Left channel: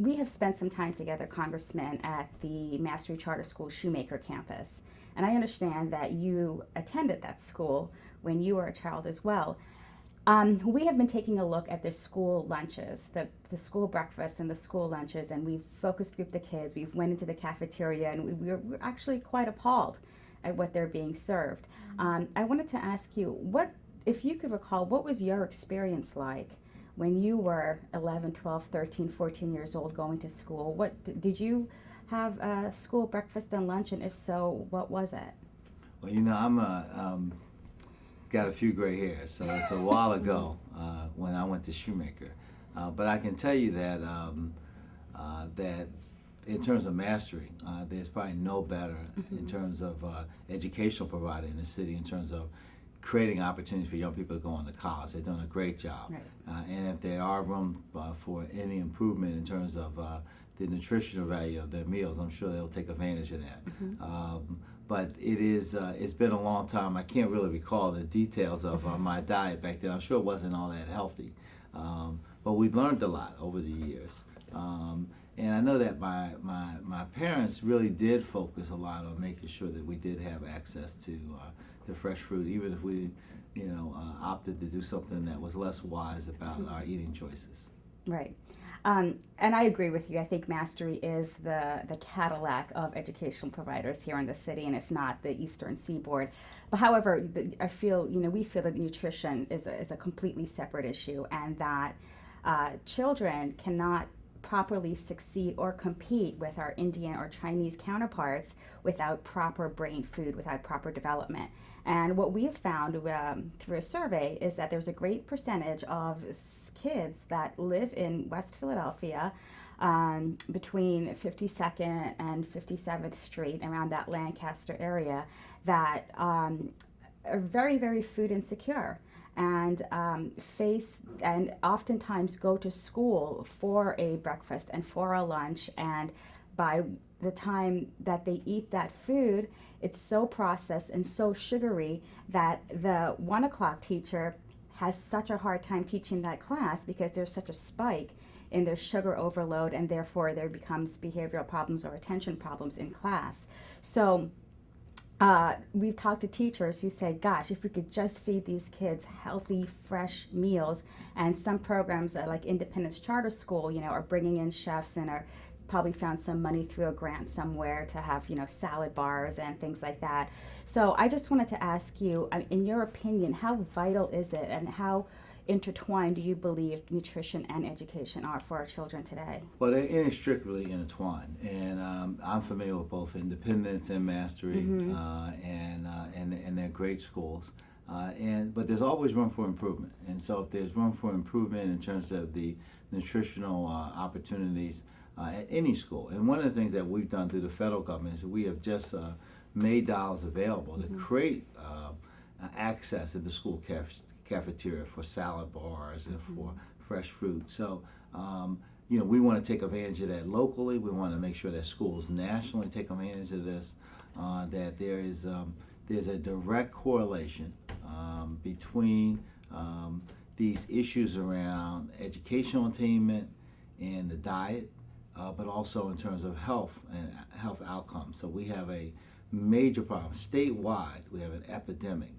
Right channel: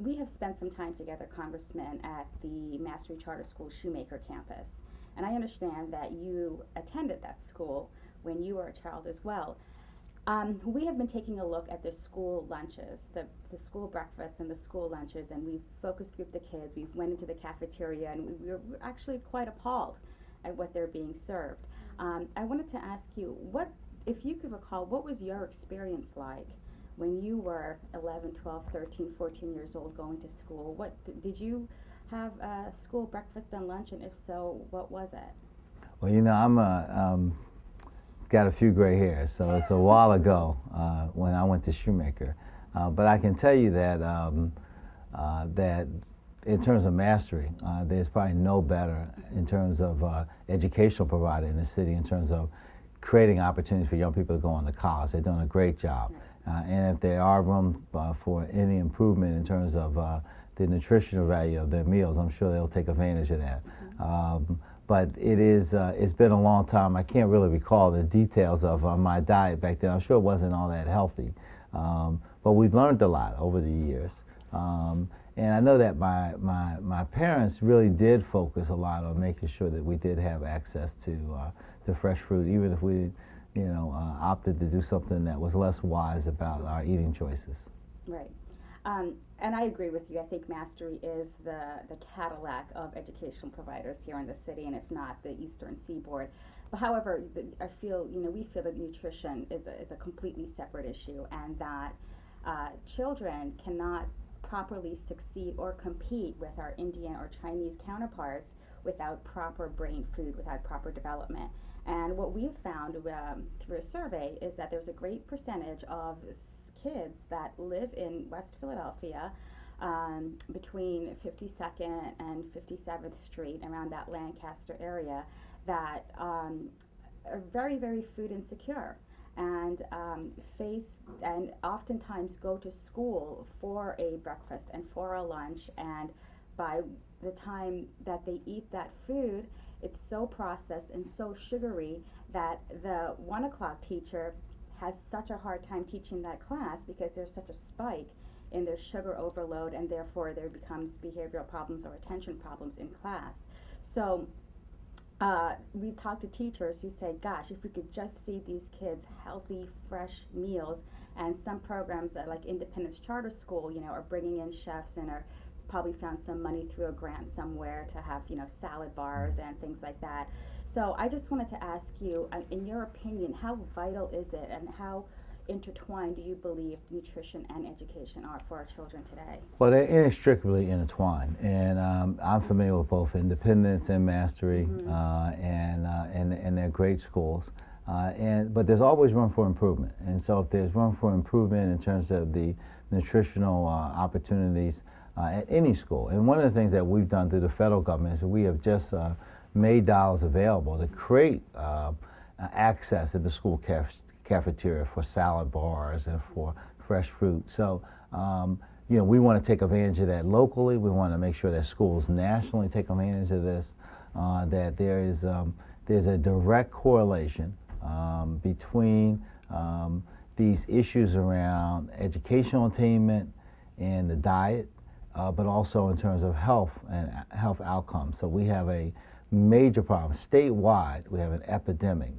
we have spent some time together, Congressman, at the Mastery Charter School Shoemaker campus. And I understand that you attended that school when you were a child as well. We have been taking a look at the school lunches, the school breakfast and the school lunches, and we've focus grouped the kids. We've went into the cafeteria, and we're actually quite appalled at what they're being served. I wanted to ask you, what, if you could recall, what was your experience like when you were 11, 12, 13, 14 years old going to school? What did you have a school breakfast and lunch, and if so, what was it? Well, I'm got a few gray hairs, so it's a while ago when I went to Shoemaker. But I can tell you that that in terms of mastery, there's probably no better in terms of educational provider in the city in terms of creating opportunities for young people to go on to college. They're doing a great job. Right. And if there are room for any improvement in terms of the nutritional value of their meals, I'm sure they'll take advantage of that. But it's been a long time. I can't really recall the details of my diet back then. I'm sure it wasn't all that healthy. But we've learned a lot over the years. And I know that my parents really did focus a lot on making sure that we did have access to fresh fruit, even if we, opted to do something that was less wise about our eating choices. Right. And I agree with you. I think Mastery is the Cadillac of educational providers here in the city, and if not, the Eastern Seaboard. But however, I feel, we feel that nutrition is a completely separate issue, and that children cannot properly succeed or compete with our Indian or Chinese counterparts without proper brain food, without proper development. And what we have found through a survey is that there's a great percentage of kids that live in West Philadelphia between 52nd and 57th Street, around that Lancaster area, that are very, very food insecure and face and oftentimes go to school for a breakfast and for a lunch, and by the time that they eat that food, it's so processed and so sugary that the 1 o'clock teacher has such a hard time teaching that class because there's such a spike in their sugar overload, and therefore there becomes behavioral problems or attention problems in class. So we've talked to teachers who say, gosh, if we could just feed these kids healthy, fresh meals, and some programs that like Independence Charter School, are bringing in chefs and are probably found some money through a grant somewhere to have, salad bars and things like that. So I just wanted to ask you, in your opinion, how vital is it, and how intertwined do you believe nutrition and education are for our children today? Well, they're inextricably intertwined, and I'm familiar with both Independence and Mastery, and they're great schools. But there's always room for improvement, and so if there's room for improvement in terms of the nutritional opportunities at any school, and one of the things that we've done through the federal government is we have just made dollars available to create access at the school cafeteria for salad bars and for fresh fruit. So, we want to take advantage of that locally. We want to make sure that schools nationally take advantage of this, that there's a direct correlation between these issues around educational attainment and the diet, but also in terms of health and health outcomes. So we have a major problem statewide. We have an epidemic